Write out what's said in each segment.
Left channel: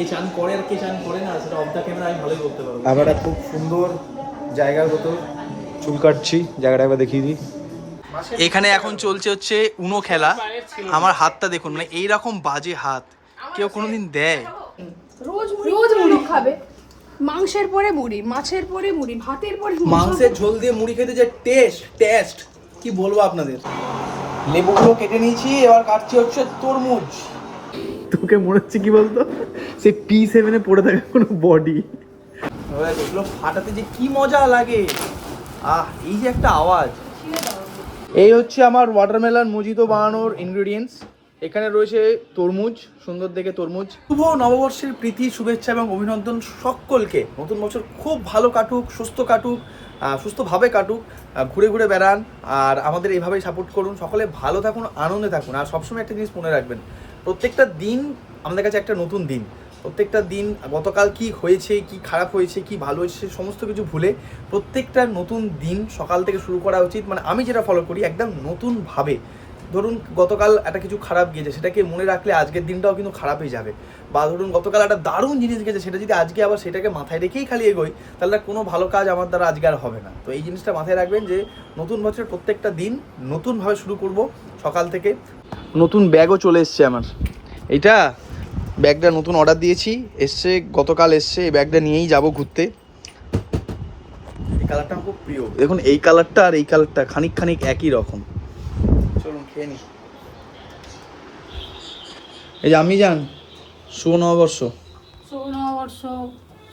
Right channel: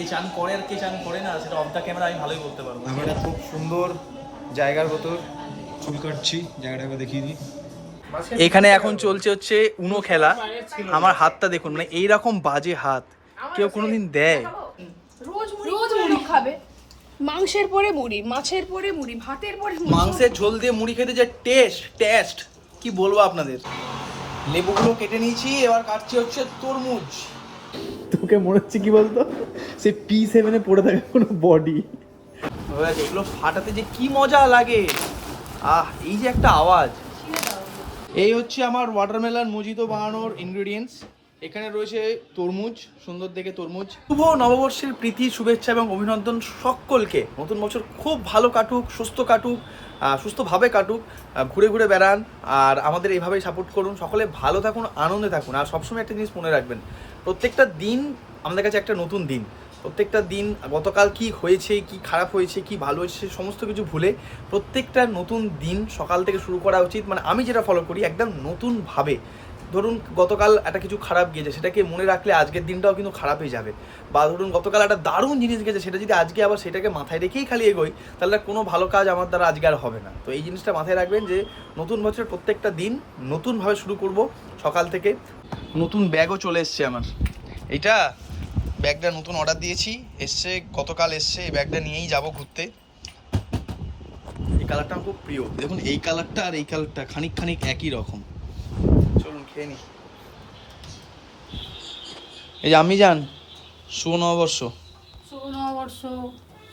কে চান করে আর কে চান করে না সেটা অফ দ্য ক্যামেরা আমি ভালোই বলতে পারব। আমরা একটা খুব সুন্দর জায়গার ভেতর চুল কাটছি জায়গাটা একবার দেখিয়ে দিই। এখানে এখন চলছে হচ্ছে উনো খেলা। আমার হাতটা দেখুন মানে এইরকম বাজে হাত। কেউ কোনোদিন দেয়। রোজ রোজ মুড়ি খাবে। মাংসের পরে মুড়ি মাছের পরে মুড়ি ভাতের পরে মুড়ি। মাংসের ঝোল দিয়ে মুড়ি খেতে যে টেস্ট টেস্ট কি বলব আপনাদের? লেবুগুলো কেটে নিয়েছি এবার কাটছি হচ্ছে তরমুজ। তোকে মনে হচ্ছে কি বলতো? সে পি সেভেনে পড়ে থাকে কোনো বডি এগুলো ফাটাতে যে কি মজা লাগে। আহ, এই যে একটা আওয়াজ। এই হচ্ছে আমার ওয়াটারমেলন মুজিতো বানানোর ইনগ্রেডিয়েন্টস এখানে রয়েছে তরমুজ, সুন্দর দেখে তরমুজ। শুভ নববর্ষের প্রীতি, শুভেচ্ছা এবং অভিনন্দন সকলকে। নতুন বছর খুব ভালো কাটুক, সুস্থ কাটুক। সুস্থভাবে কাটুক ঘুরে ঘুরে বেড়ান, আর আমাদের এইভাবেই সাপোর্ট করুন। সকলে ভালো থাকুন, আনন্দে থাকুন। আর সবসময় একটা জিনিস মনে রাখবেন, প্রত্যেকটা দিন আমাদের কাছে একটা নতুন দিন। প্রত্যেকটা দিন, গতকাল কি হয়েছে, কি খারাপ হয়েছে, কি ভালো হয়েছে সমস্ত কিছু ভুলে প্রত্যেকটা নতুন দিন সকাল থেকে শুরু করা উচিত। মানে আমি যেটা ফলো করি, একদম নতুনভাবে। ধরুন গতকাল একটা কিছু খারাপ গিয়েছে সেটাকে মনে রাখলে আজকের দিনটাও কিন্তু খারাপই যাবে। বা ধরুন গতকাল একটা দারুণ জিনিস গেছে সেটা যদি আজকে আবার সেটাকে মাথায় রেখেই খালি এগোই তাহলে কোনো ভালো কাজ আমার দ্বারা আজকে আর হবে না। তো এই জিনিসটা মাথায় রাখবেন যে নতুন বছরের প্রত্যেকটা দিন নতুনভাবে শুরু করব সকাল থেকে। নতুন ব্যাগও চলে এসছে আমার। এইটা ব্যাগটা নতুন অর্ডার দিয়েছি এসছে গতকাল এসছে এই ব্যাগটা নিয়েই যাব ঘুরতে। এই কালারটা আমার খুব প্রিয়। দেখুন এই কালারটা আর এই কালারটা খানিক খানিক একই রকম। চলুন খেয়ে নি। এই যে আমি যান শুভ নববর্ষ। শুভ নববর্ষ।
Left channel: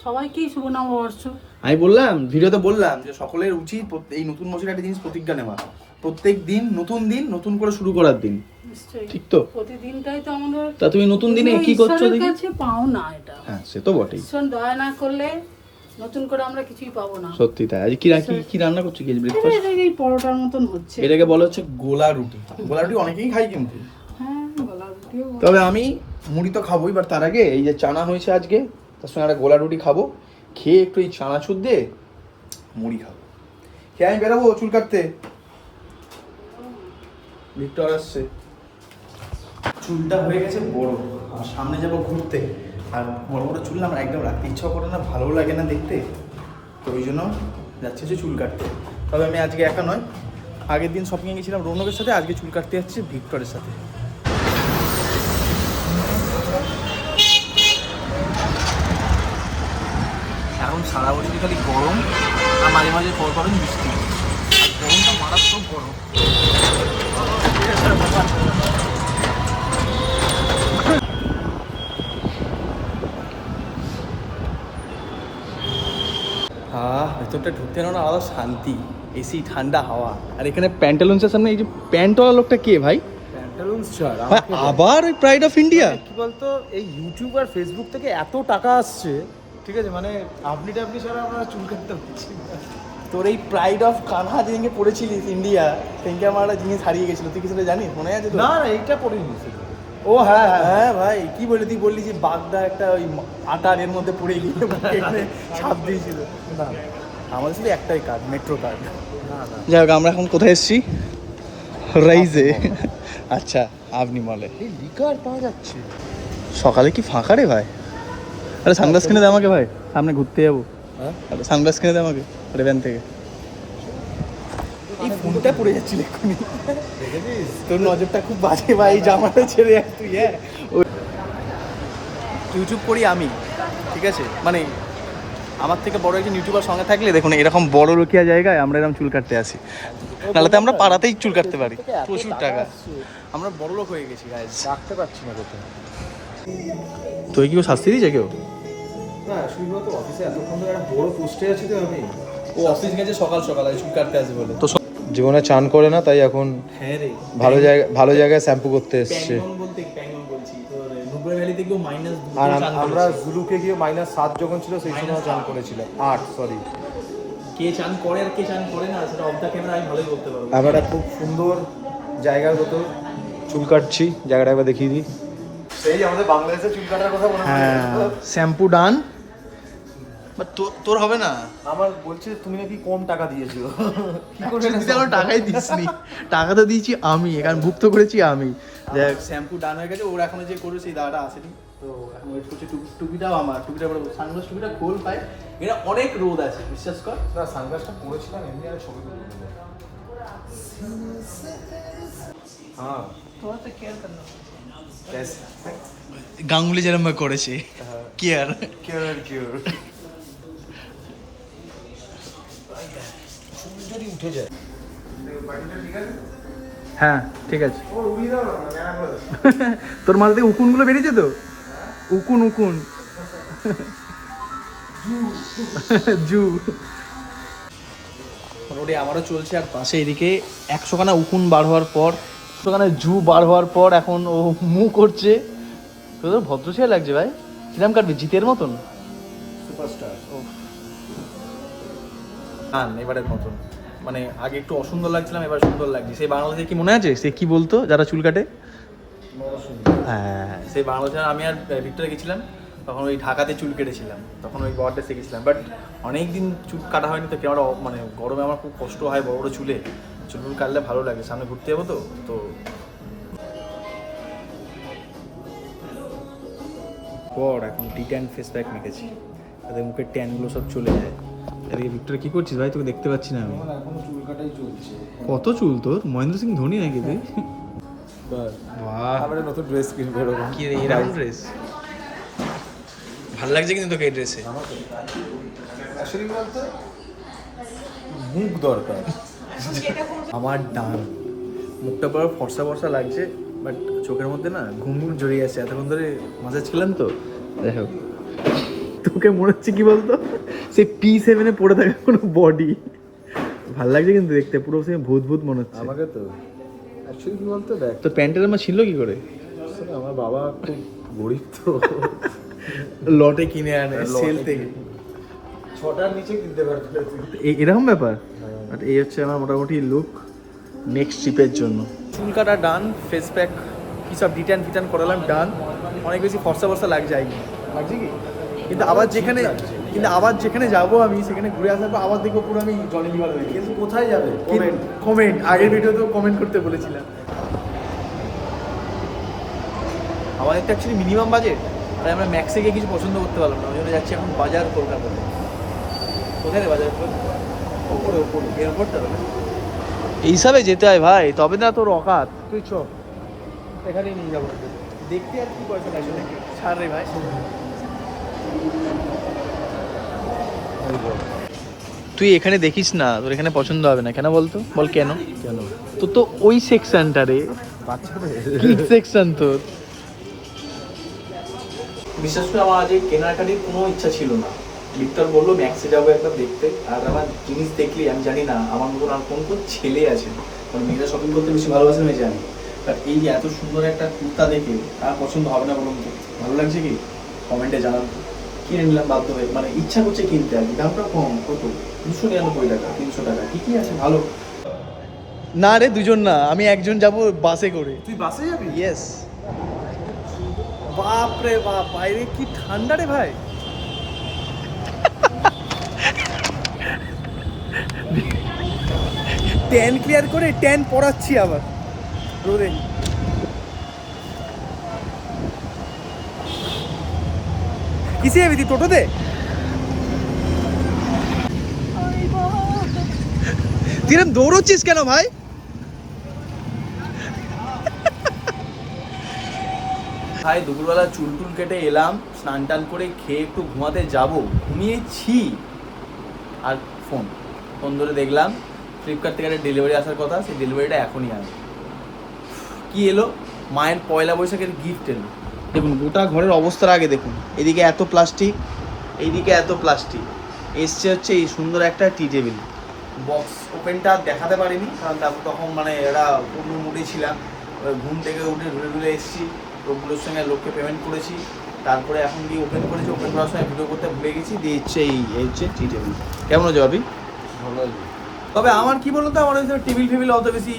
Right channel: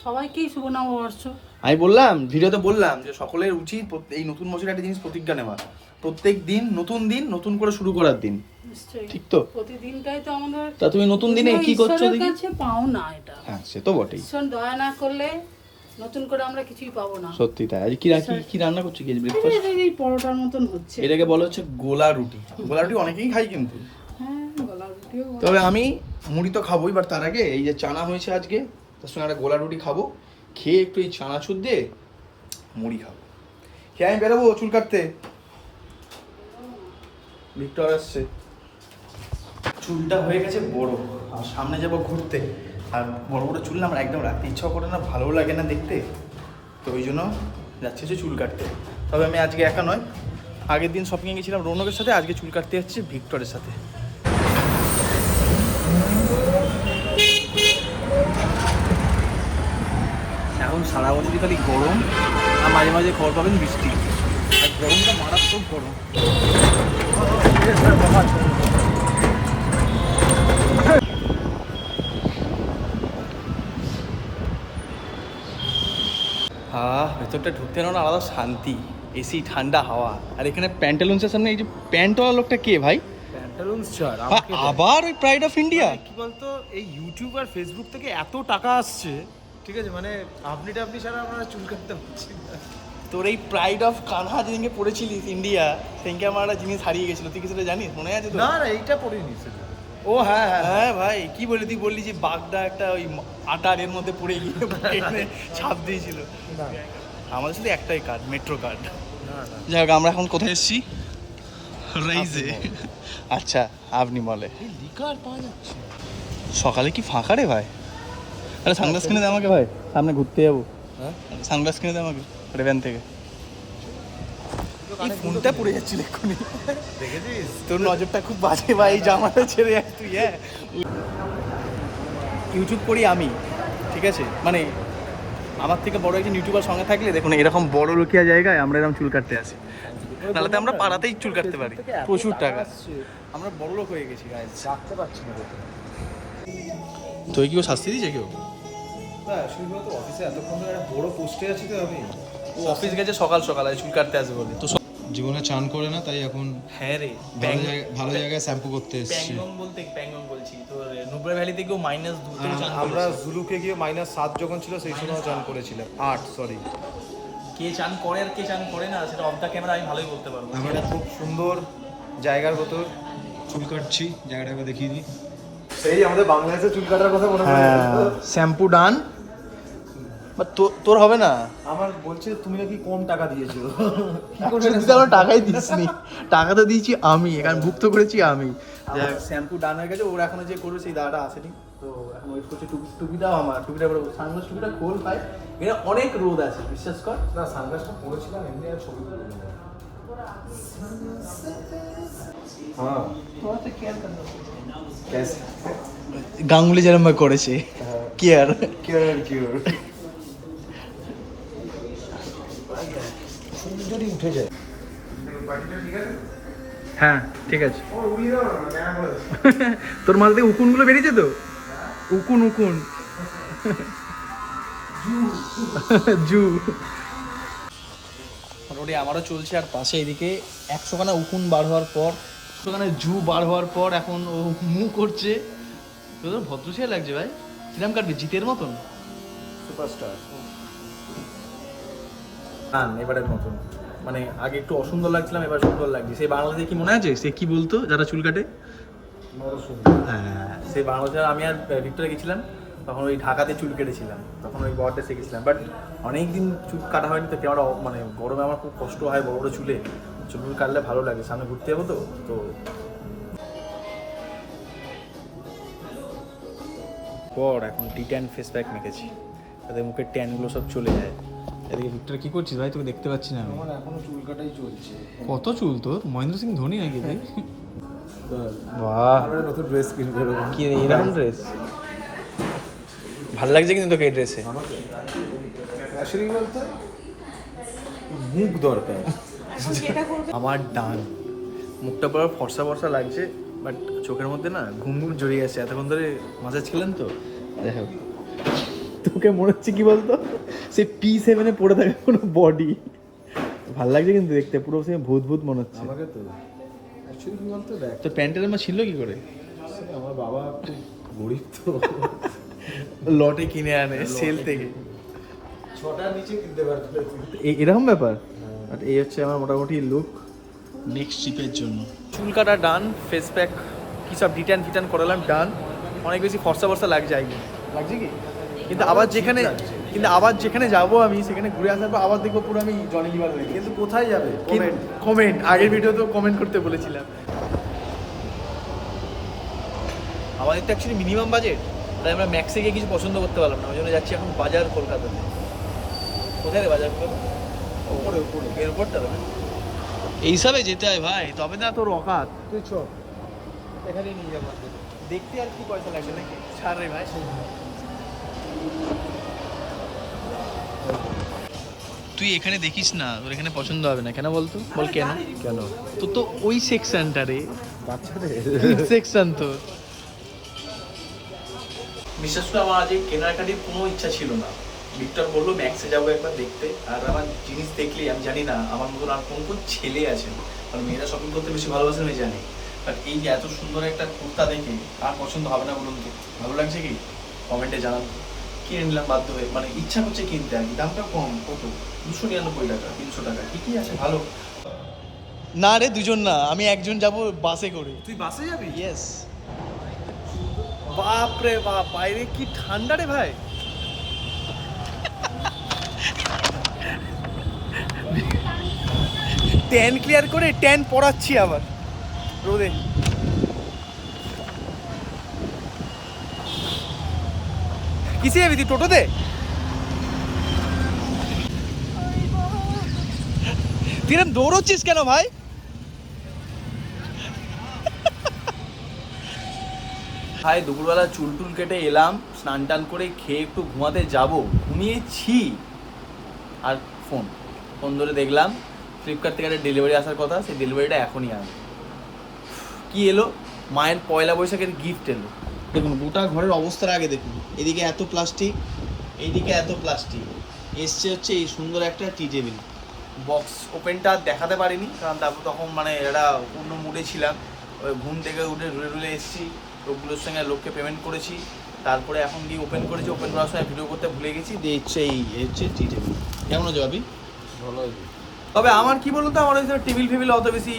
সবাইকেই শুভ নববর্ষ। আমি বললাম ভিডিওতে বললাম যে সকলের উচিত এই নতুন বছরের একটা জিনিস প্রতিজ্ঞা নেওয়া। প্রত্যেক দিন নতুন দিন নতুন করে শুরু করার দিন। নিশ্চয়ই। ঠিক তো? প্রতিদিনটাই তো আমাদের তা তুমি নতুন দিনে কি করছ দেখি। পাও না এটা। হ্যাঁ সে তো বটেই। ঈশ্বর দয়া না করলে নতুন করে আমরা কিছুই পাবো না। সত্যি তাই। আজ কি রাখি? কি রান্না করছ কি এই ব্রেকফাস্ট যে এই পরোটার মতন হচ্ছে। এটাকে বলা হচ্ছে গোলা রুটি। গোলা রুটি অনেকেই খাই কিন্তু। হ্যাঁ গলা রুটিও তবে আমি মুড়ি তো খাবোই বাট তার আগে এই যে চানা হয়েছে আজকে তার সঙ্গে একটা গোলা রুটি খাব। খেয়ে একটু এই চানা চানাচুর দিয়ে মুড়ি খাব। খেয়ে আমি বেরোবো চুল কাটতে। ভিক্টর আসছে। চুলটা হয়ে গেছে বড় আর সামনে যাব ঘুরতে। আর বড় বড় চুল আমার একদম রাখতে ইচ্ছা করে না, ভালোও লাগে না দেখতে। তো ওই জন্য যাচ্ছে হচ্ছে চুল কাটতে। তবে আমি আজকে একা নয়, আগের দিন শপিংয়ে গেছিলাম রৌনকের সাথে, আজকে চুল কাটতে যাচ্ছি ভিক্টরের সাথে। এখন সারা বছরই খালি গরম, আর মাঝে মাঝে খবর পাবেন বৃষ্টি। আর গরমটা মারাত্মক গরম। ভেতরটা ঢুকতে না আলাদা শান্তি এসি ঠান্ডা হাওয়া। আর এখানে প্যান্টালুন্সের সামনে এই যে প্যান্টওয়ালা লোকটা কে ভাই? প্যান্টালুন্স ছাড় আবার ওই প্রাইড অফ ইন্ডিয়া কি বলতো এই ইউটিউব আর ফেসবুক থেকে এত টাকা আসছে ঠিক আছে মানে আপনি টাপনি ছাড়া আমরা চুল কাটতে পারছি তোর এই প্রাইড অফ কানহা যেদিনকে পড়েছিলিস ইন্ডিয়া সেদিনকে আমার একটা জিনিস হারিয়ে গেছিল। তুই কি সেটা জানিস? মনে আছে না না এইটা পড়িনি ও হ্যাঁ হ্যাঁ। হ্যাঁ ভাই কি বলি তুই বললি যে বাগদা একটা ওই আটার এর মধ্যে পড়ে গিয়ে ছাপ দিয়েছিল। না। আমাদের শুধু একটাই কার্ড মেট্রো কার্ড না না। যাই হোক আমরা এখন কোথায় এসেছি? রাইজে আচ্ছা আপনি বলে এই লিকার পাওয়া যাচ্ছে। সকালে কি ফাঁকা রে ভাই? আরে সানগ্লাস কিনে দে আমাকে ভাই। সামনে ঘুরতে যাব। হ্যাঁ? আরে সানগ্লাস কিনে দে আমাকে রেভেন থেকে। এই ফোনটা পড়ে যাচ্ছিল এক্ষুনি। দেখেছিস? তোর নজরটা খুব বাজে ভাই জামাটা ছেড়ে এক তুই হ্যাঁ? ইউটিউব করি আমি ঠিক আছে? মানে আমার থেকে বড় একজন ইউটিউবার সঙ্গে থাকলে দেখুন এরকম বড় রুকিয়া জায়গায় আমরা এরকম চুল কাটতে আসি। নাহলে তো আমরা পাড়াতেই চুল কাটতে পারি। প্রচুর টাকা। আমরা বড় লোক হয়ে গেছি guys। পারছি না কোথাও। তো কি কেউ শাস্তি দিয়েছে কেউ? না তো অফিসে এতক্ষণ ধরে বড় পোস্টে আছি তো আমি। ও অফিস গেছে সকাল সকাল চুল কাটতে বলে। তো জীবনে চান করে না তাই এখন হ্যাঁ ভালো জায়গা ভালো জায়গায় শ্যাম্পু করতে এসছে। তোর ভ্যালি থেকেও মাইনাস আর আমরা জুলুকে গিয়ে মাইনাস সাত যখন ছিল সেই সময় চান করেছিলাম। আট সরি কে চান করে আর কে চান করে না সেটা অফ দ্য ক্যামেরা আমি ভালোই বলতে পারব। আমরা খুব সুন্দর জায়গার ভেতর চুল কাটছি জায়গাটা একবার দেখিয়ে দিই। সেই আমাদের বাংলাদেশে চুল কাটার কথা মনে হ্যাঁ শ্যাম্পু ডান তোর হবে না? আমার বলছে তুমি নাকি কম টাকা দিয়েছ। আমার টাকাই দিসনি। টাকা তো দিয়েছি আমি এখানে ভুক্ত করেছি আমি। শ্যাম্পু ডান হয়ে গেছে ওর এখনও যে করবে সেই দাদাটা আসেনি। তো এখন ওয়েট করছি টুপি টুপিটাও আমার টুপিটা পরে সানগ্লাস টুপিটা খোল পাই এটা অনেক রোদ আছে বিশ্বাস কর। না সানগ্লাসটা পরেছিলাম এমনি আর ছবি হ্যাঁ। গাঙ্গুলি যেরকম করেছে কি আর কেয়ার আর যদি উঠে যায়। হ্যাঁ ঠিক আছে। ও তোর মাথা থেকে উকুনগুলো বেরিয়েছে তো? উকুন উকুন। জু। মোটামুটি আমারও চলছে আর পাশে এদিকে। একশোখানা উকুন বার হওয়ার পর একশোখানা জু বার হওয়ার পর এখন ও মু করছে। তোদের ভদ্র ছেলে লাগছে ভাই? কিরাম কাটবে? জিতের মতন? সুপারস্টার গান এবারের মতন। মানে আগে একটু অসুন্দর লাগছিলাম, এবার সুন্দর লাগছে। সেই বাংলাদেশে কি মনে আছে? সে কি বলতো, যারা চুল কাটে? হ্যাঁ সেই বাংলাদেশে আমি আর ভিক্টরে গেছিলাম, তখন ওই ঢাকাতে চুল কেটেছিলাম। তখন ওই বরটা শিখেছিলাম বাট অনেক দিন চুল কাটা হয়নি তো কেমন মানে গরমে আমার খুব কষ্ট হয় বড় বড় চুলে। চুল কাটলে ভালো লাগে, সামনে ঘুরতে যাব তো তো পর এখন টি ট্যান ফেস প্যাক মেখেছি। তাতে মুখের ট্যানগুলো সব চলে যায়। এদিকে ভিক্টর কি করছিস ভাই? তোকে দেখতে পাচ্ছি না আমি। আমার এখনও চুল কাটাই চলছে। কত চুল তোর? মহেন্দ্র সিং ধোনি নাকি তুই? বাহ নতুন ড্রেস কিনবো কি এরকম ড্রেস ভালো লাগছে কিন্তু তোকে এই ড্রেসে বলতে? মুখ দরকার। আমার ডান। মুখটা পুরো ফর্সা ফর্সা লাগছে বাট চোখের মধ্যে না ঘুম ঘুম জড়িয়ে আছে। এতক্ষণ ধরে মাসাজ খেলাম তো? যাই হোক। তোকে মনে হচ্ছে কি বলতো? সে পি সেভেনে পড়ে থাকে কোনো বডি ভালো লাগছে কিন্তু দেখতে পুরো সে ভূত ভূত মনে হচ্ছে। আমাকে তো। অ্যাকচুয়ালি কি বলতো দেখ। তো প্যান্টের আমার ছিল কি করে? আমার বাবা খুব গরিব তো। লটে কিনে আনে সেল থেকে। ছটার নিচে কিনতে পারবে। এই- এরকম ব্যাপার? আর এই হচ্ছে আমার মোটামুটি লুক নেক্সট ট্রিপের জন্য। চুল কাটা ডান ফেস প্যাক কী সব ডিটান ফিটান করালাম ডান অনেক বেশি ফর্সা ফর্সা লাগছে আই। লাগছে কি? কিন্তু আবার যেখানে। কিন্তু আবার যেখানে যাব আমি সেখানে ঘুরে আসার পর আবার দেখব পুরো আমি জনি লিভার হয়ে কিন্তু কোথায় যাবে? কমেন্ট কমেন্ট আগের ভিডিওতেও কমেন্ট করতে বলেছিলাম। আমাদের তো অ্যাকচুয়ালি মিনিমাম বাজেট তাই আমরা ম্যাক্সে গিয়ে কিছু পছন্দ করতে পারলাম না ওই জন্য যাচ্ছি এখন বাজার কলকাতাতে। কোথায় রে বাজার কলকাতা? ওপরে ওপরে এয়ারপোর্টটা এই হিসাবে যেতে হয় ভাই তবে না তোর অকাত। তুই চ। এখানেই নিয়ে যাব। দেখতে আর কি পয়সা লাগবে নাকি? ছাড় রে ভাই। তুই এখানে দেখিস না তোর এখানে পছন্দ হবে না। কেন বলতো? বল কেন? কেন? তো তো ওই সেকশনটা রে। সেকশন তোর? বিশেষ করে আমার আজ এই কেনাকাটির কোনো ইচ্ছা ছিল না। ভিক্টর বলল ম্যাক্সে যাব একবার দেখতে। আর আমার জিনিস দেখলে আমি জানি না আমার মতন আর কোন কোন ছেলে আছে। কারণ মেয়েরা শপিং করতে বেশি ভালোবাসে আমি জানি। বাট এই যে এত সুন্দর একটা কুর্তা দেখে তার পছন্দ হবে না বলুন তো? ভালো লাগছে কি? কমেন্টে জানান। কিনে নিলাম বাধ্য হয়ে। মানে ইচ্ছা করছে কিনতে আর কি। দামটা কম কত? দুশো নিরানব্বই টাকা তিনশো টাকা। ঠিকই আছে? ভালো। না রে দুজন না। আমি একজন যাব বাসে করে। তুই বাসে যাবি? ইয়েস বাপ রে বাপ বাইরে কি ঠান্ডা রে ভাই? ট্যান ক্লিয়ার করে ট্যান পড়াচ্ছি আবার। রোদে। কিসে যাবি তুই? টোটোতে? তুই দৌড়চ্ছিস কেন ভাই? ভাই, দুপুরবেলা চুল টুল কেটে এলাম, স্নান টান করে খেয়ে একটু ঘুমাতে যাব। ঘুমিয়েছি। আর ফোন ফোন ধরে দেখলাম, ফ্লিপকার্ট থেকে একটা ডেলিভারি আসার কথা, সেই ডেলিভারিটা এখনই আসবে কি এলো? মায়ের পয়লা বৈশাখের গিফট এলো। দেখুন গোটা ঘরের অবস্থার আগে দেখুন। এদিকে এত প্লাস্টিক এইদিকে এত প্লাস্টিক। এসছে হচ্ছে এই সুন্দর একটা টি টেবিল। বক্স ওপেনটা দেখাতে পারিনি কারণ তারপর তখন মানে এটা পূর্ণ মুডে ছিলাম। ঘুম থেকে উঠে ঢুলে ঢুলে এসেছি লোকগুলোর সঙ্গে লোককে পেমেন্ট করেছি। তারপরে এখন গিয়ে ওপেন করেছি ওপেন করার সময় ভিডিও করতে ভুলে গেছি দিয়ে হচ্ছে এই হচ্ছে টি টেবিল। কেমন হচ্ছে ভাবি? ভালো তবে আমার কি বলুন তো আমার ওই টেবিল ফেবিল অত বেশি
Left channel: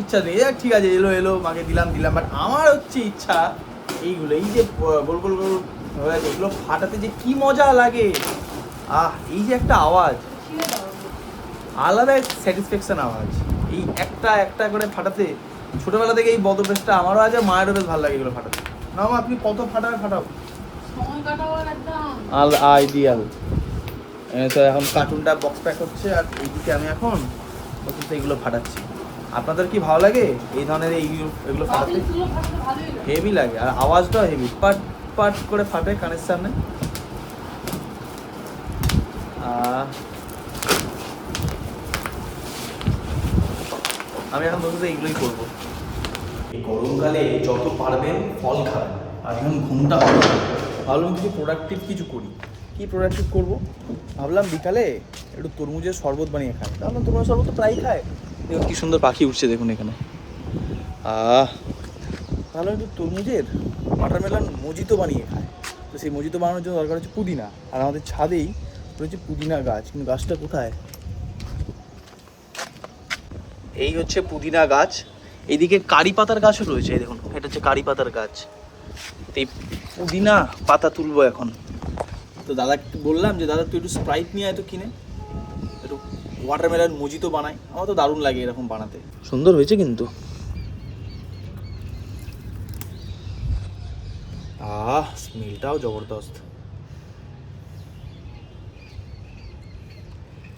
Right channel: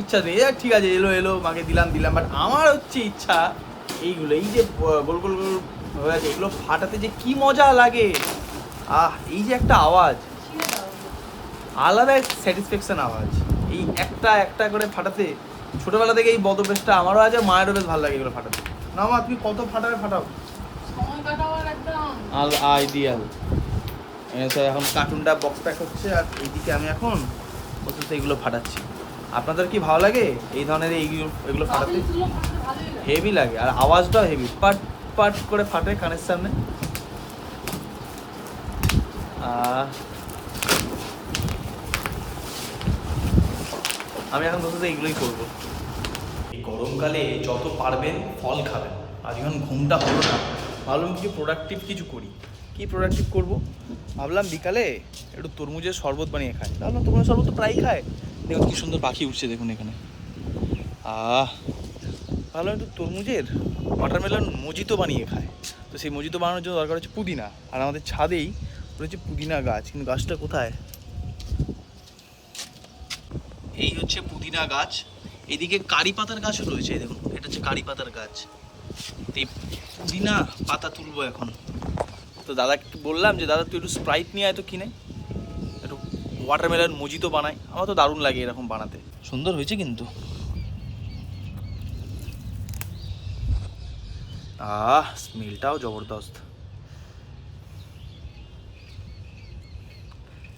ইচ্ছা নেই। ঠিক আছে এলো এলো মাকে দিলাম দিলাম বাট আমার হচ্ছে ইচ্ছা এইগুলো এই যে গোল গোল গোল হয়ে আছে এগুলো ফাটাতে যে কি মজা লাগে। আহ এই যে একটা আওয়াজ। আলাদা স্যাটিসফ্যাকশন আওয়াজ। এই একটা একটা করে ফাটাতে ছোটবেলা থেকে এই বদভ্যাসটা আমারও আছে মায়েরও বেশ ভালো লাগে এগুলো ফাটাতে। না মা তুমি কত ফাটাবে ফাটাও। আল আইডিয়াল তো এখন কার্টুনটা বক্স প্যাক হচ্ছে আর এইদিকে আমি এখন বসে এগুলো ফাটাচ্ছি। আপনাদের কি ভালো লাগে? এই ধরনের এইগুলো এগুলো ফাটাতে? হেভি লাগে আর আওয়াজটাও হেভি পাট পাট করে ফাটে কানের সামনে। আমি এখন বসে এইগুলোই করব। এই গরমকালে যত পারবেন ফল খাবেন আর এখন ঘুমটা হলো না ভাবলাম কিছু প্রোডাক্টিভ কিছু করি। কি প্রোডাক্টিভ করব? ভাবলাম বিকালে একটু তরমুজের শরবত বানিয়ে খাই। তাহলে তরমুজের শরবত তো প্রায়ই খায়। দেখুন কি সুন্দর পাখি উঠছে দেখুন এখানে। ভালো একটু তরমুজের ওয়াটারমেলন মজিতো বানিয়ে খায়। তো সেই মজিতো বানানোর জন্য দরকার হচ্ছে পুদিনা। আর আমাদের ছাদেই রয়েছে পুদিনা গাছ। কিন্তু গাছটা কোথায়? এই হচ্ছে পুদিনা গাছ। এইদিকে কারি পাতার গাছও রয়েছে, এই দেখুন। এটা হচ্ছে কারি পাতার গাছ। এই পুদিনা পাতা তুলবো এখন। তো দাদাকে বললাম যে, দাদা, তুই একটু স্প্রাইট নিয়ে আয় তো কিনে। একটু ওয়াটারমেলন মুজি তো বানাই আমার তো দারুণ লাগে এরকম বানাতে। সুন্দর হয়েছে কিন্তু। আহ স্মেলটাও জবরদস্ত।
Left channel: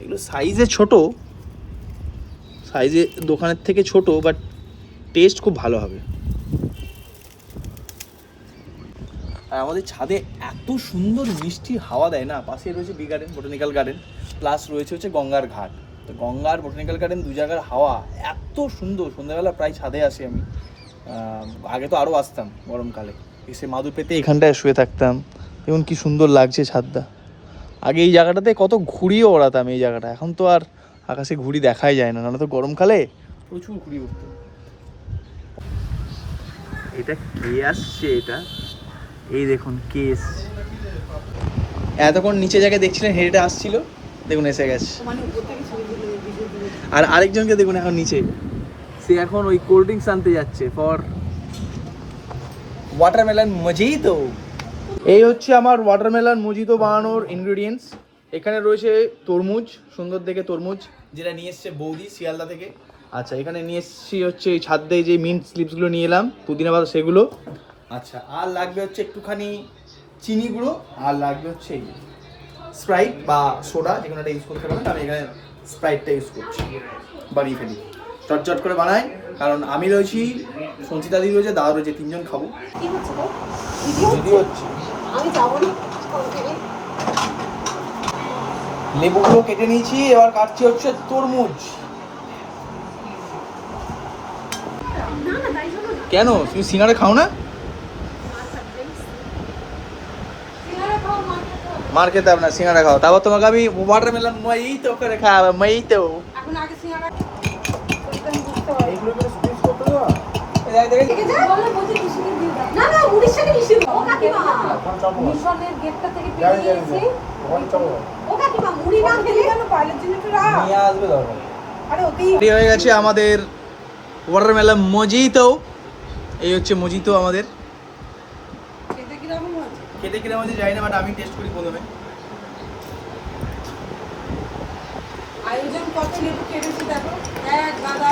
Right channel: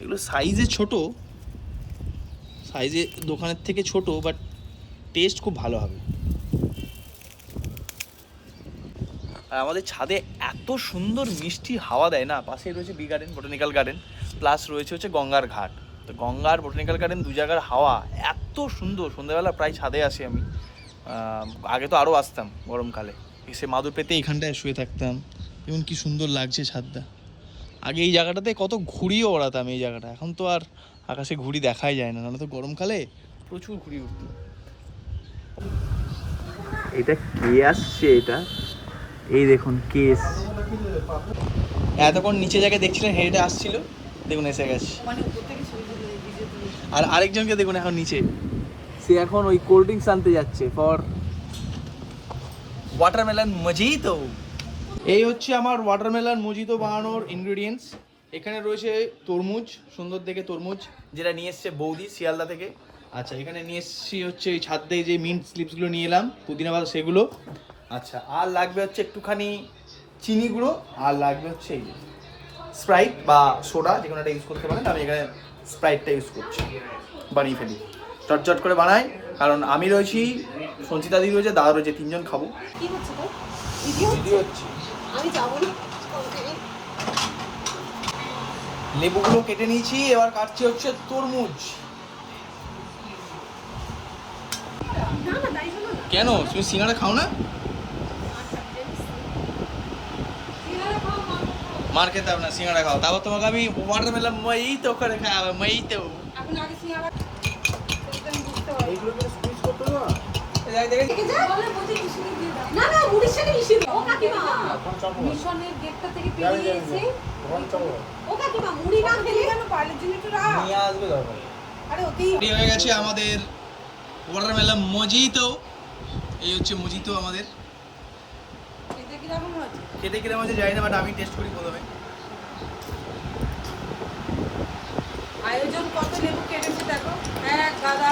এগুলো সাইজে ছোট সাইজে দোকানের থেকে ছোট বাট টেস্ট খুব ভালো হবে। আর আমাদের ছাদে এত সুন্দর মিষ্টি হাওয়া দেয় না পাশে রয়েছে B garden botanical garden plus রয়েছে হচ্ছে গঙ্গার ঘাট। তো গঙ্গার বোটানিক্যাল গার্ডেন দু জায়গার হাওয়া এত সুন্দর, সন্ধ্যাবেলা প্রায় ছাদে আসি আমি। আগে তো আরও আসতাম গরমকালে। এসে মাদুর পেতে এখানটায় শুয়ে থাকতাম। এবং কি সুন্দর লাগছে ছাদটা। আগে এই জায়গাটাতে কত ঘুড়িও ওড়াতাম এই জায়গাটা। এখন তো আর আকাশে ঘুড়ি দেখাই যায় না। নাহলে তো গরমকালে প্রচুর ঘুড়ি উঠতো এটা কে আসছে এটা? এই দেখুন, কে এতক্ষণ নিচে জায়গায় দেখছিলেন হেঁটে আসছিল। দেখুন এসে গেছে। আর আরেকজনকে দেখুন এখন নিচে। সে এখন ওই কোল্ড ড্রিঙ্কস আনতে যাচ্ছে ফর ওয়াটারমেলন মজিতো এই হচ্ছে আমার ওয়াটারমেলন মজিতো বানানোর ইনগ্রেডিয়েন্টস এখানে রয়েছে তরমুজ সুন্দর দেখে তরমুজ যেটা নিয়ে এসছে বৌদি শিয়ালদা থেকে। আচ্ছা এখানে নিয়ে এসছি হচ্ছে এই ছাদ দিয়ে যে মিন্ট স্লিপসগুলো নিয়ে এলাম পুদিনা পাতা সেগুলো। আচ্ছা আর লাগবে হচ্ছে একটুখানি চিনি গুঁড়ো আর লাগবে হচ্ছে এই স্প্রাইট বা সোডা যে কোনো একটা ইউজ করতে পারেন আমি এখানে স্প্রাইটটা ইউজ করছি। বানিয়ে ফেলি। চটচট করে বানাই কারণ আমি রয়েছি সঞ্চিতা দিদি রয়েছে দাদা রয়েছে তিনজন খাব। লেবুগুলো কেটে নিয়েছি এবার কাটছি হচ্ছে তরমুজ। কেন? তুমি সিঙ্গারা খাও না? মার খেতে হবে না সিঙ্গারা খাও। তারপর তোমাকে আমি ওয়াটারমেলন মই তো করে খাওয়াবো মই তো হয়ে গেছে আমাদের ওয়াটারমেলন মজিতো। এই হচ্ছে মজিতো আমাদের। খেতে কীরকম হচ্ছে জানি না বাট আমি টেস্ট করি প্রথমে। আয়োজন কত লেবু কেটেছে দেখো? এক দাদা।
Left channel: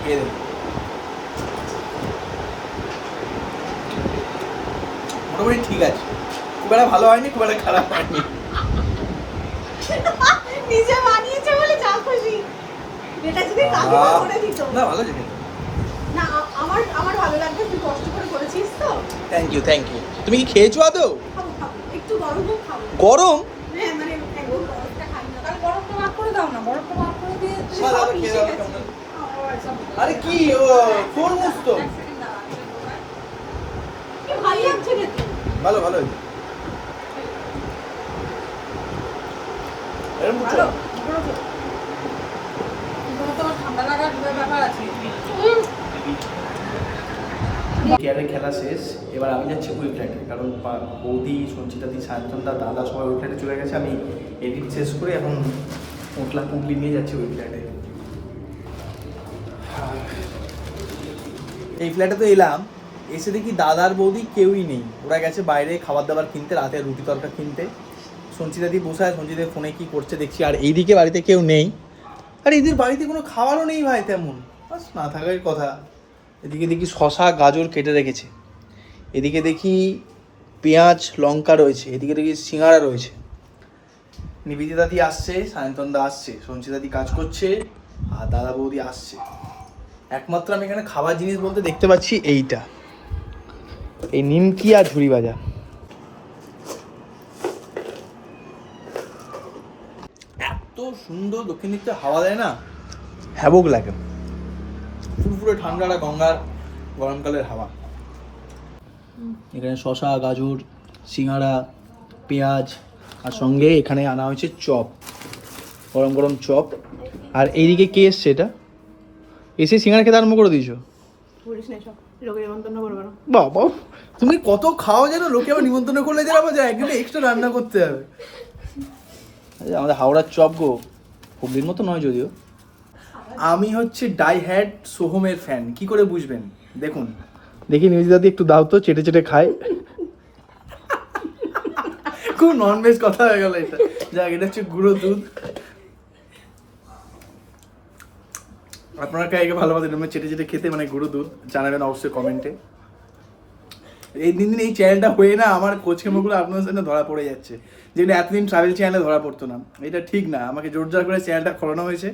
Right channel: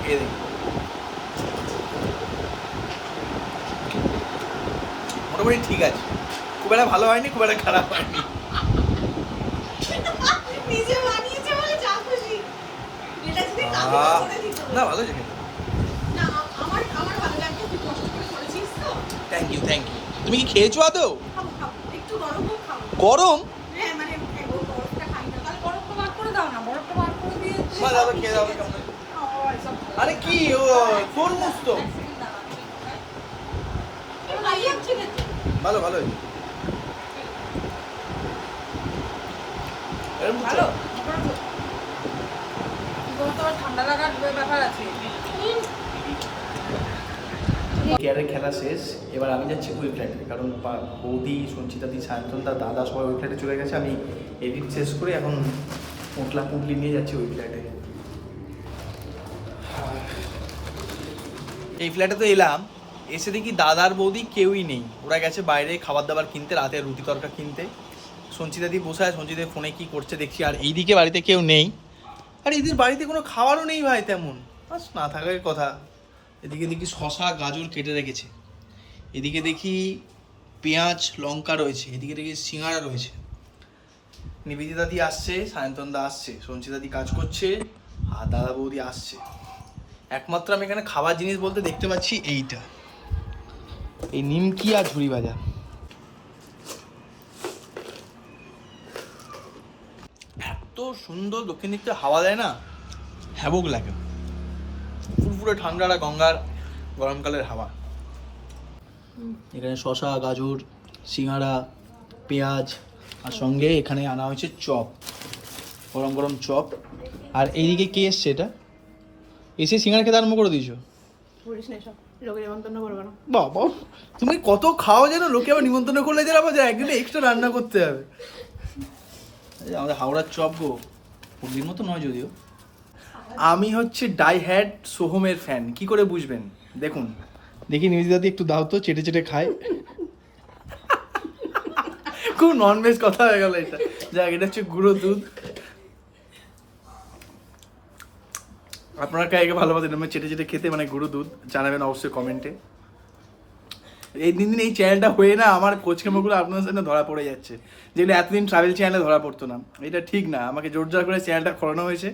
খেয়ে। মোটামুটি ঠিক আছে। খুব একটা ভালো হয়নি খুব একটা খারাপ হয়নি। নিজে বানিয়েছে বলে যা খুশি। এটা যদি কাকু করে দিত। না ভালো আছে না আমার আমার ভালো লাগবে তুই কষ্ট করে করেছিস তো? থ্যাংক ইউ থ্যাংক ইউ তুমি কি খেয়েছো আদৌ? একটু গরম হোক খাব। গরম? হ্যাঁ মানে একদম খাই না। তাহলে ভাগ করে দাও না। ভাগ করে দিয়ে আরে কি ও তরমুজ তো। ভালো ভালো এরকম ভালো তোমার ঠান্ডা লাগার ব্যাপার আছে। কেয়ারের খেলা শেষ, এবার আমি যাচ্ছি ওই ফ্ল্যাটে কারণ বৌদি সঞ্চিতাদি সায়ন্তনদা দাদা সবাই ওই ফ্ল্যাটে চলে গেছে, আমি এডিট শেষ করে এখন পোটলা পুটলি নিয়ে যাচ্ছি ওই ফ্ল্যাটে এই ফ্ল্যাটে তো এলাম, এসে দেখি দাদার বৌদি কেউই নেই। ওরা গেছে বাইরে খাবার দাবার কিনতে, রাতে রুটি তরকা কিনতে। সঞ্চিতাদি বসে আছে সঞ্চিতা ফোনে কি করছে দেখছি, আর এইদিকে বাড়িতে কেউ নেই। আর এদের বাড়িতে কোনো খাবারও নেই ভাই তেমন। বাস না থাকার কথা। এদিকে দেখি শশা গাজর কেটে রেখেছে। এদিকে দেখি পেঁয়াজ, লঙ্কা রয়েছে। এদিকে দেখি সিঙ্গারা রয়েছে। নিবেদিতা দি আসছে সায়ন্তন দা আসছে, সঞ্চিতা দি কাজ করছে, আর দাদা বৌদি আসছে। একমাত্র আমি এখানে খাবার জিনিস বলতে দেখতে পাচ্ছি এইটা। এই নিমকি আর ঝুড়ি ভাজা। এত সুন্দর দক্ষিণ দিকটা হাওয়া দেয় না? হ্যাবক লাগে। ফুরফুরে ঠান্ডাটা গঙ্গার গরমকালের হাওয়া। এখানে শশা গাজর সিঙ্গারা পেঁয়াজ আর সঙ্গে এখানে আনা হয়েছে চপ গরম গরম চপ। আর এইদিকে কে এসছে এটা? এসে সিঙ্গারা খেতে আরম্ভ করে দিয়েছ? বাবা তুমি কত খাও যেন লোকে আবার নিমন্ত্রণ করলে যেন আবার একদিন এক্সট্রা রান্না করতে হবে। আমাদের হাওড়ার চপ গো হুগলির মতো নয় যদিও। আমি হচ্ছে ডাই হ্যাড সোহমের ফ্যান। কি করে বুঝবেন? দেখুন। দেখি নিউজ দাদি একটু দাও তো চেটে চেটে খায়। খুব নন ভেজ কথা হয়ে গেল এটা। যাক এটা হচ্ছে গুঁড়ো দুধ। আপনারা কাকে ভালোবাসেন? আমি চেটে চেটে খেতে মানে গুঁড়ো দুধ। জানাবেন অবশ্যই কমেন্টে এই দিন দিন এই চ্যানেলটা হয়ে না আমার কোচকেমোগুলো আপনাদের সামনে ধরা পড়ে যাচ্ছে। যেগুলো এতদিন ট্রাভেল চ্যানেলে ধরা পড়তো না। এটা ঠিক না। আমাকে জোর জোর করে চ্যানেলটা খোলানো হয়েছে।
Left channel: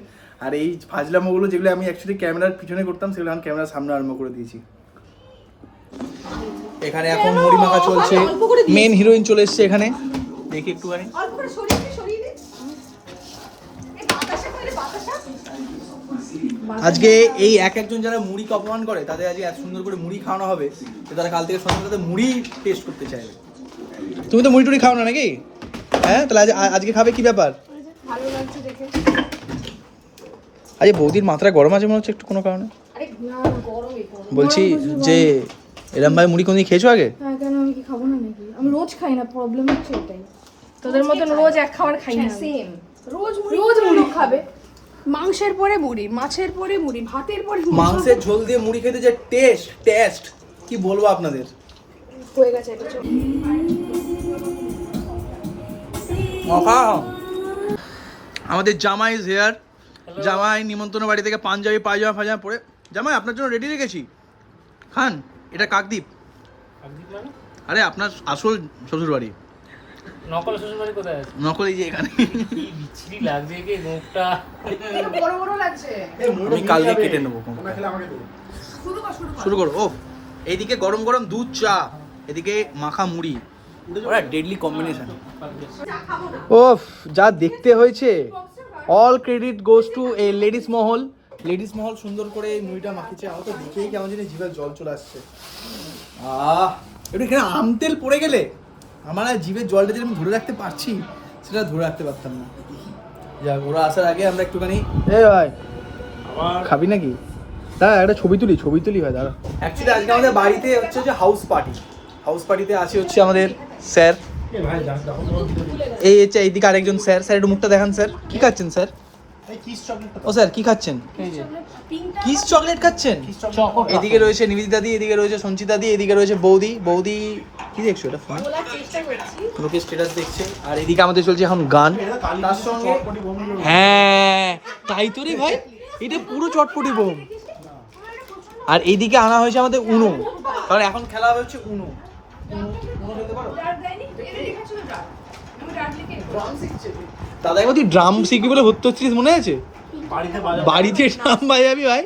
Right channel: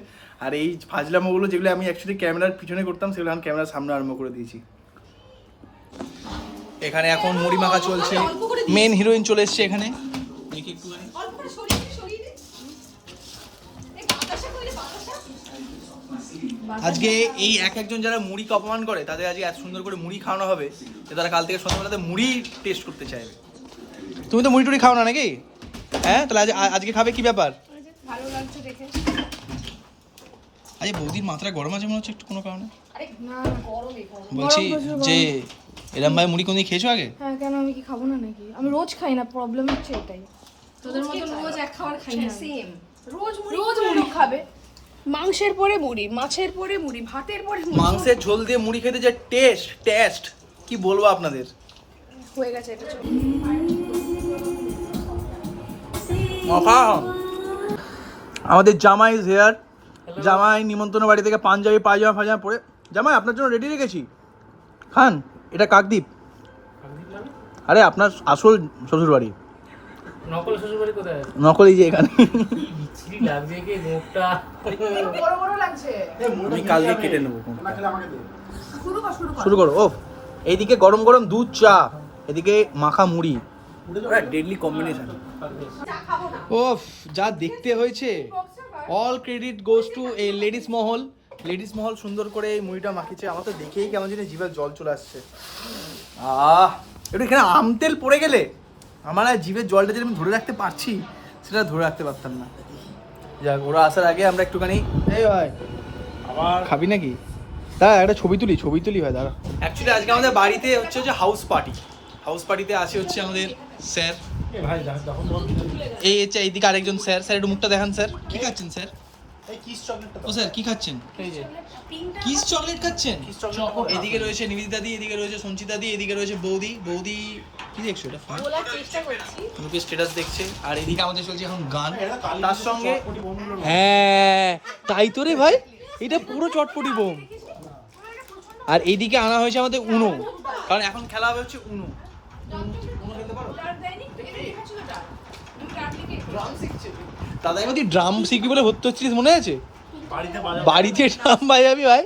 আর এই ফাজলামোগুলো যেগুলো আমি অ্যাকচুয়ালি ক্যামেরার পিছনে করতাম সেগুলো আমি ক্যামেরার সামনে আরম্ভ করে দিয়েছি। এখানে এখন মুড়ি মাখা চলছে মেন হিরোইন চলে এসছে এখানে। দেখি একটুখানি। আজকে এই এক একজন যারা মুড়িকে অপমান করে তাদের আজকে এত সুন্দর করে মুড়ি খাওয়ানো হবে যে তারা কাল থেকে সন্ধ্যাবেলা তাদের মুড়ি টেস্ট করতে চাইবে। তুমি তো মুড়ি টুড়ি খাও না নাকি? হ্যাঁ তাহলে আজ আজকে খাবে কি ব্যাপার? ভালো লাগছে দেখে। আজকে বৌদির মাত্রা গরম আছে মনে হচ্ছে একটু কোনো কারণে। আরে না গরমই তো। বলছি যে এরম ভাই মুড়ি কোনদিন খেয়েছো আগে? হ্যাঁ কেন আমি কি খাব না নাকি? আমি রোজ খাই না প্রবলেম হচ্ছে এটাই। তোদের মতন রোজ এক খাবার খাই না সেম রোজ রোজ মুড়ি খাবে। মাংসের পরে মুড়ি মাছের পরে মুড়ি ভাতের পরে। মাংসের ঝোল দিয়ে মুড়ি খেতে যে টেস্ট টেস্ট কি বলব আপনাদের? হয়ে গেছে আমাদের জামাই ইজ হেয়ার জামাই নিমন্ত্রণ বাড়ি থেকে পাঞ্জাবি পায়জামা ফাজামা পরে। জামাই আপনার জন্য রেডি রেখেছি। খান এটা কাকদ্বীপ। আরে আপনার আসল শ্বশুর বাড়ি নকল শ্বশুরবাড়ি কোথায় আছে? নকল এই যে এখানে। ছিরি লাগছে কি মুখটা? আমি কালকে কেটে নেব কোনটা। শুরু করো ও এইদিকে গরম গরম দুধ চা এদিকে মাখা মুড়ি। ডেডলি কম্বিনেশন ওফ যা দেখতে হয়েছে। All credit goes to a ladies Mahal. Ladies মহল সুন্দর করে এই মুড়িটা মাখিয়েছে। আমার তো দেখেই কেমন জানি জিভে জল চলে আসছে। আহ একটু এখানে আম তেল পড়ে গেলে? আমার আর জিভের জলটা যেরকম ধরে রাখতে পারছি সেটা ধরে রাখতে পারতাম না। যাক ওরা আসার আগে আমরা একটুখানি এ ভাই খাবি নাকি? দাদা একটা ছবি তুলি ছবি তুলি ভাই দাদা অ্যাকচুয়ালি আজকে আমাদের বাড়িতে হচ্ছে হচ্ছে হাউস পার্টি হাউস পার্টিতে আছে হচ্ছে আমাদের স্যার এই হচ্ছে এইদিকে আরেকজন স্যার স্যার একটু মুখটা দেখান স্যার কি খাচ্ছেন স্যার ও স্যার কি খাচ্ছেন? কিস চকলেট খাচ্ছেন? এদিকে রয়েছে নিবেদিতা দি এদিকে রয়েছে সঞ্চিতা দি এদিকে রয়েছে বৌদি। বৌদি কি দেখছ এটা ফোন? লোকের স্ট্যাটাস দেখছে। আর এদিকে আমাদের চলছে এখন গান। তার সঙ্গে হ্যাঁ তাই তো রে ভাই। এটা পুরো চটপটি বোম। আর এইদিকে আনা হয়েছে আমাদের উনো। কারণ এখন খেলা হবে হচ্ছে উনো। দাদা এবার তুই ড্রাম শিখবি বলে ভর্তি হচ্ছিস মনে আছে? বাড়িতে ড্রাম বাজাবি ভাই।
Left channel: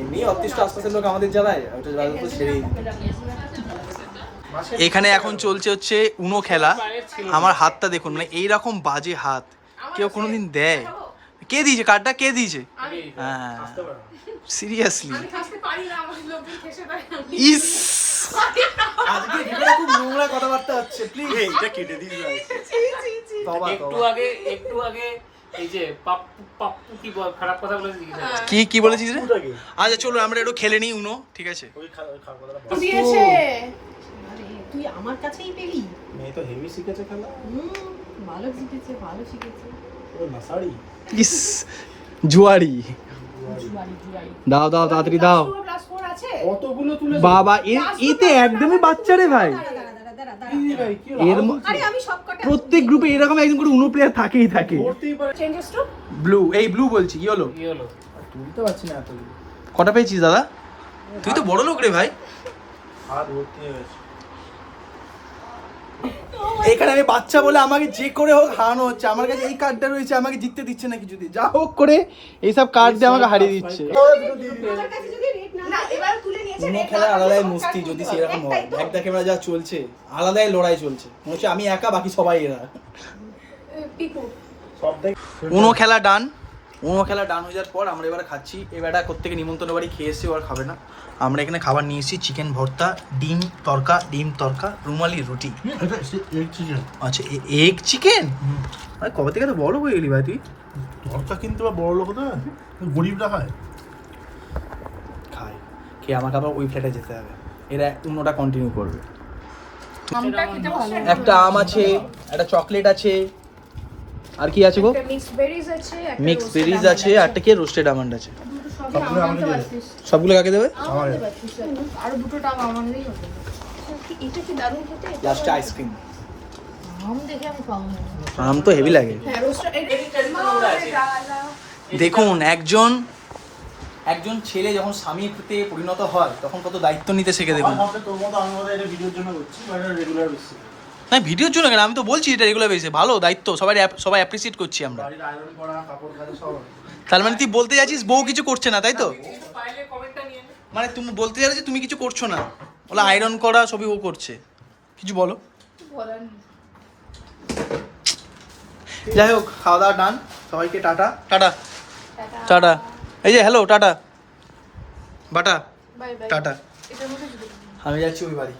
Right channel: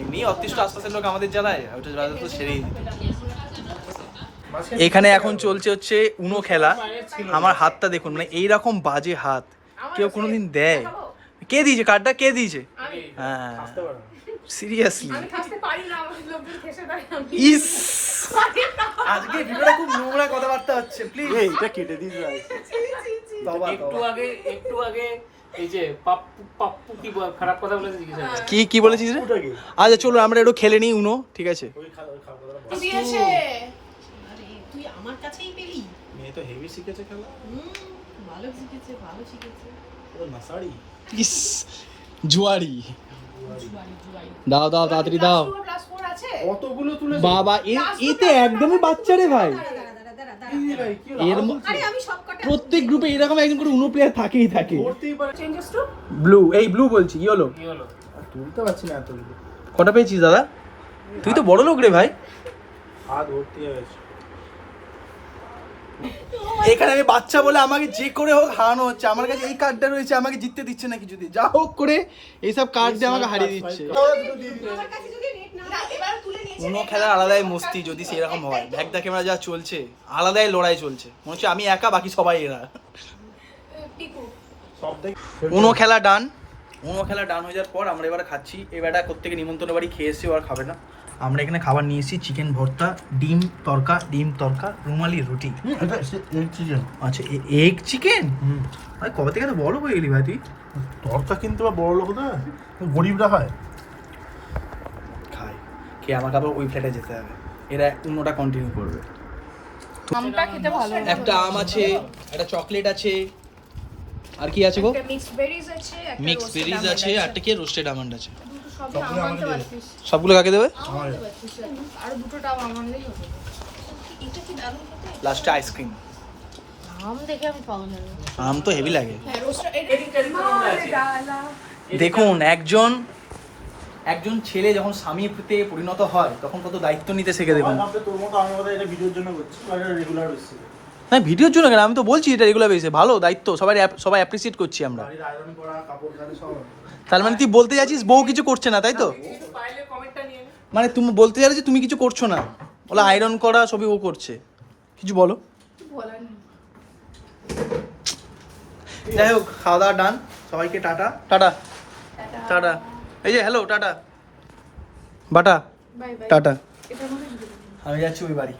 এমনি অতিষ্ঠ আশপাশের লোক আমাদের জ্বালায় ওটা বাজাতে তো সেরেই এখানে এখন চলছে হচ্ছে উনো খেলা। আমার হাতটা দেখুন মানে এইরকম বাজে হাত। কেউ কোনোদিন দেয়। কে দিয়েছে? কার্ডটা কে দিয়েছে? হ্যাঁ। সিরিয়াসলি ইস! আজকে ভিডিওটা খুব নোংরা কথাবার্তা হচ্ছে প্লিজ এইটা কেটে দিস ভাই। তবা একটু আগে একটু আগে এই যে পাপ্পু পাপ্পু কি খারাপ কথা বলেছে কি কি বলেছিস রে? আচ্ছা চলো আমরা একটু খেলে নিই উনো ঠিক আছে? তুই আমার কাছেই পেলি? মেয়ে তো হেভি শিখেছে খেলা। ভালো শিখেছে ভালো শিখেছে। ও নাসাড়ি। ইস জুয়ারি দাও দাও তাড়াতাড়ি দাও। প্লাস কতগুলো তুলে বাবা এ এতে একদমই বাচ্চা রে ভাই। দাঁড়া দাঁড়া দাঁড়া দাঁড়া দাঁড়া। এর ম- আরে আমি সব কটা প্রত্যেক গ্রুপে এরকম একজন করে উনো প্লেয়ার থাকেই থাকে। চেঞ্জেস টু ব্লু এই ব্লু বলছি কি হলো কি হলো তুলতে পারছি না এতগুলো। কটা পেয়েছিস দাদা? তুই তো বড় লোক রে ভাই। হাত ভর্তি হয়ে গেছে। এখানে আমি বাচ্চা বলে আমাকে যে করে হোক হারানো হচ্ছে। আমার কাছে এই কার্ডটা রয়েছে আমাকে জিততে দিচ্ছে না কিছুদিন যা হোক করে এইসব কার্ড দিয়ে আমাকে হারিয়ে দিচ্ছে। খেলার আলাদাই মস্তি যদি সেরকম হয়। ক্যামেরা যা চলছে আলাদাই লড়াই চলছে। মনে হচ্ছে আমি একা বাকি সবাই এরা। খেলা ডান উনো খেলা ডান হয়ে যাওয়ার পর আমরা এবার খাচ্ছি। এবারটা কোথেকে নিমন্ত্রণ বাড়ি খেয়ে এসে আর খাবে না। আমরা এখানে খাবার নিয়ে এসেছি চিকেন ভর্তা ডিম তরকা ডিম তরকা রুমালি রুটি। আচ্ছা এগ চিকেন ভাই কবে থেকে তো বড় হয়ে গেলি ভাই তুই? ভর্তা কিনতে বা বড় লোক না গরিবরা খায়। খাই খেয়ে আমাকে আবার ওই ফ্ল্যাটে যেতে হবে। এরা অন্যটা কন্টিনিউ করবে। আমটা খেতে ভালো একটা আম আছে একটা চকলেট আছে আর কি আছে গো? একটা মিক্স বেরিজ আছে একটা মিক্স বেরিজ আছে আরটা কি? রোস্টেড আমন্ড আছে। সবগুলো কাকে দেবে? আর দুটো টাও আমাদেরই হবে। এটা কি দারুণ খেতে? লাস্টে আইসক্রিম আম তো হেভি লাগে। হ্যাঁ দেখুন একজন একজন ছেলে যখন স্বামী স্বামীতে পরিণত হয় তখন কত দায়িত্ব নিতে শেখে দেখুন। ভিডিওর জন্য রেগুলার হ্যাঁ ভিডিওর জন্য কেন? আমি তো বলছি এটা রেগুলার বেসে ভালো দায়িত্ব সবাই সবাই অ্যাপ্রিসিয়েট করছি আমরা। তার মানে তুই বলতে যাচ্ছিস বউ কিছু করছে না তাই তো? পাইলে কমেন্টটা নিয়ে নে। মানে তুমি বলতে চাইছো যে তুমি কিছু করছ না। বলে আয়রন করা সবই ও করছে। কিছু বলো। যাই হোক খাওয়া দাওয়া ডান সবাইকে টাটা। টাটা। টাটা। এই যে হ্যালো টাটা। বাটা। Bye bye. টাটা। আমি যাচ্ছি ওই বাড়ি।